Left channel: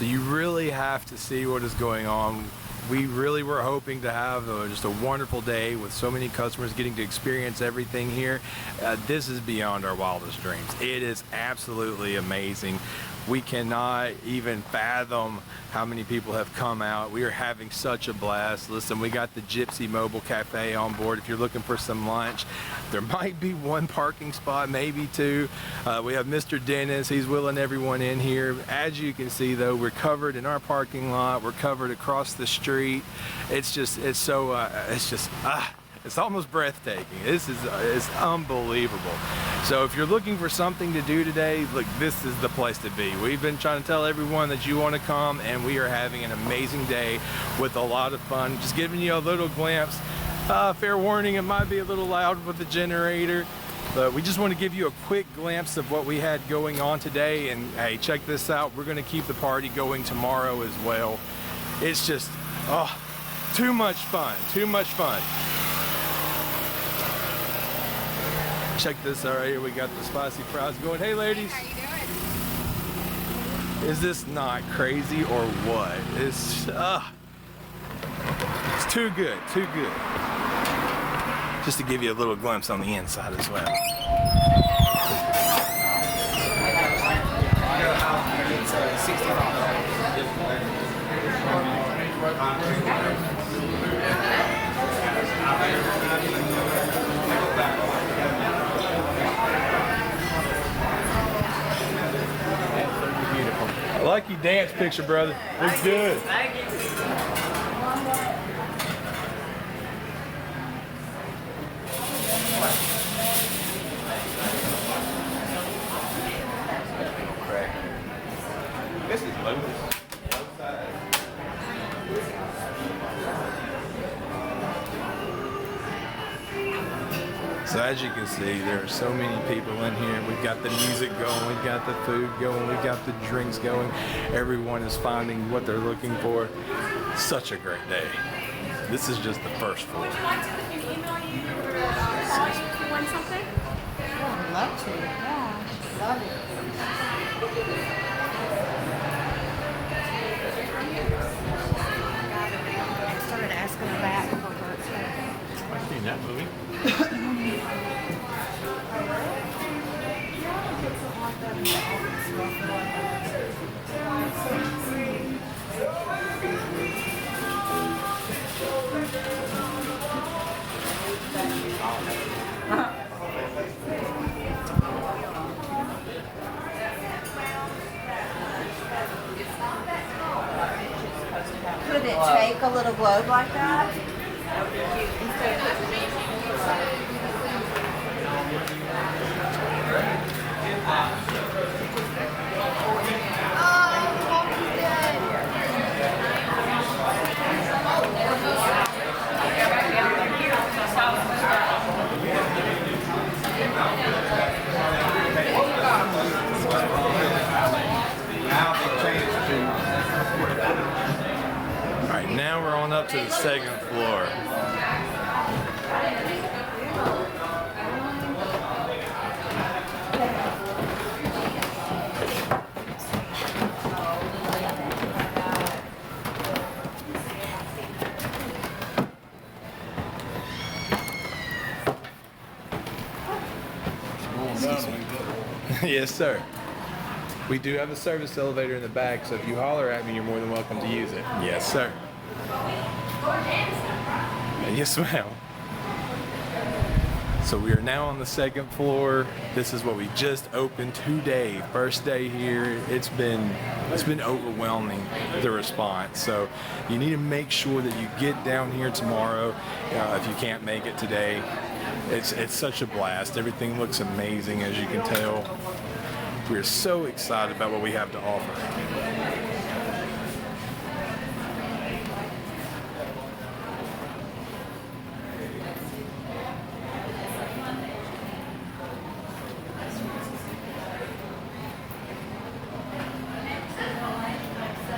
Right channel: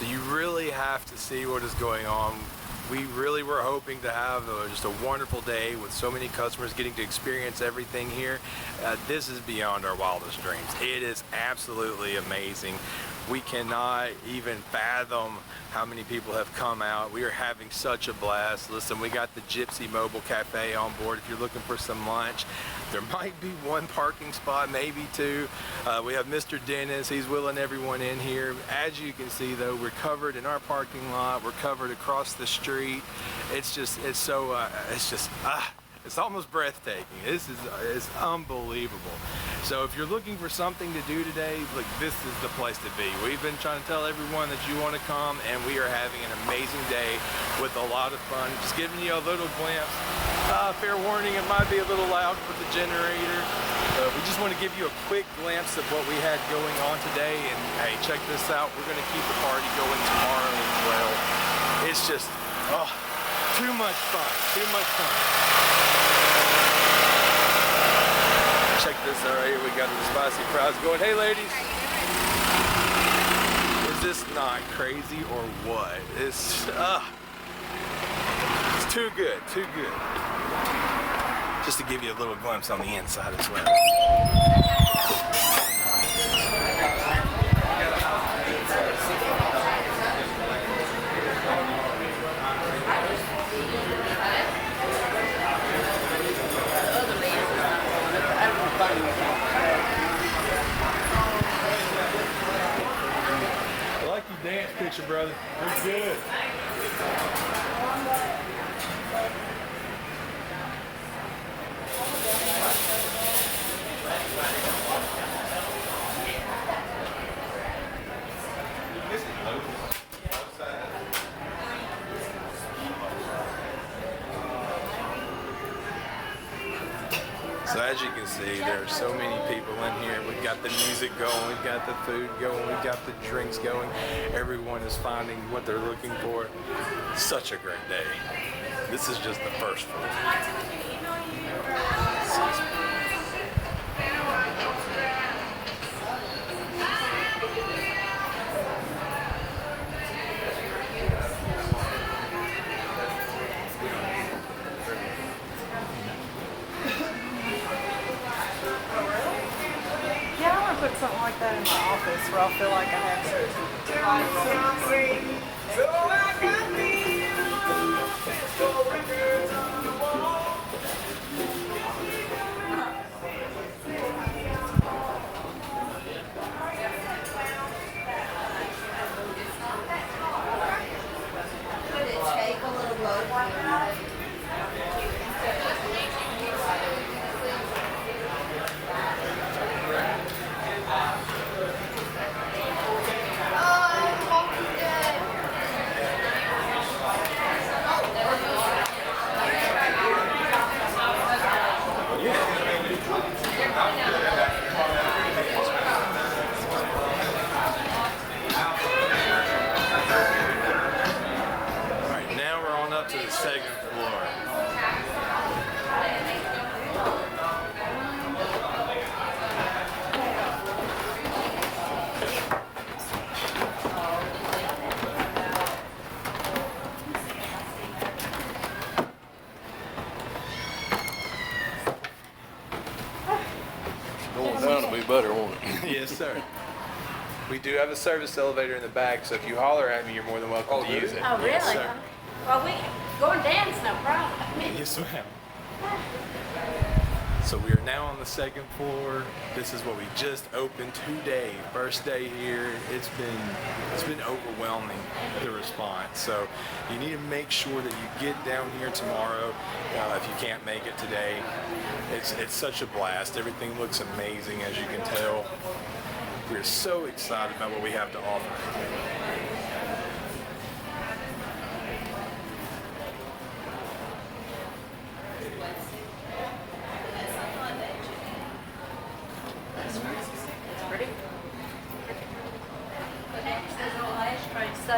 So you really have to see what is going on. We really were hoping to have just a wonderful day with so many customers getting to experience everything here. This is beyond our wildest dreams. It is absolutely amazing. We cannot even fathom how many people have come out. We are having such a blast. Listen, we got the Gypsy Mobile Cafe on board if you're looking for some lunch. There might be one parking spot, maybe two. We have Mr. Dennis, he's wheeling everyone in here. As you can see though, we're covered in our parking lot, we're covered across the street. It's almost breathtaking. It's unbelievable. So if you're looking for something to do today, look, this is the place to be. We've been trying to tell everyone that you want to come, and we are having an amazing day with a lot of fun. Just giving you a little glimpse. Fair warning, it might be a little loud with the generator, but we just want to give you a quick glimpse of what we had going on today. And hey, check this out. We're going to keep the party going tomorrow as well. It's just, too much fun, too much fun. Check this out right here. We got the spicy fries going. Hey ladies. Is this not crazy or what? It's too good, too good. Just to give you a little glimpse on the inside as well. I like your dance picture, brother. Looks good. Thank you. This is local. So as you can see, there are so many people in here. We've got the music going, we've got the food going, we've got the drinks going. Everyone is finding what they're looking for. Such a great day. This is just the first floor. Would you like to we can email you or call you if you want something? Yeah, I'm gonna put something like that in my office where I'll feel like I have Could it take a little globe like that? Alright, now we're on up to the second floor. Going down to me better, won't it? Yes, sir. We do have a service elevator in the back, so if you holler at me, you're more than welcome to use it. Oh, Yes, really? sir. Well, we go and dance, no problem. Yes, ma'am. So we are now on the second floor. This is what we just opened today. First day here. It's been overwhelming, the response. So you need to make sure that you get down here tomorrow if you can't make it today. It's such a blast. Everything looks amazing, as you can tell. We're so excited about what we have to offer. Next is the last, so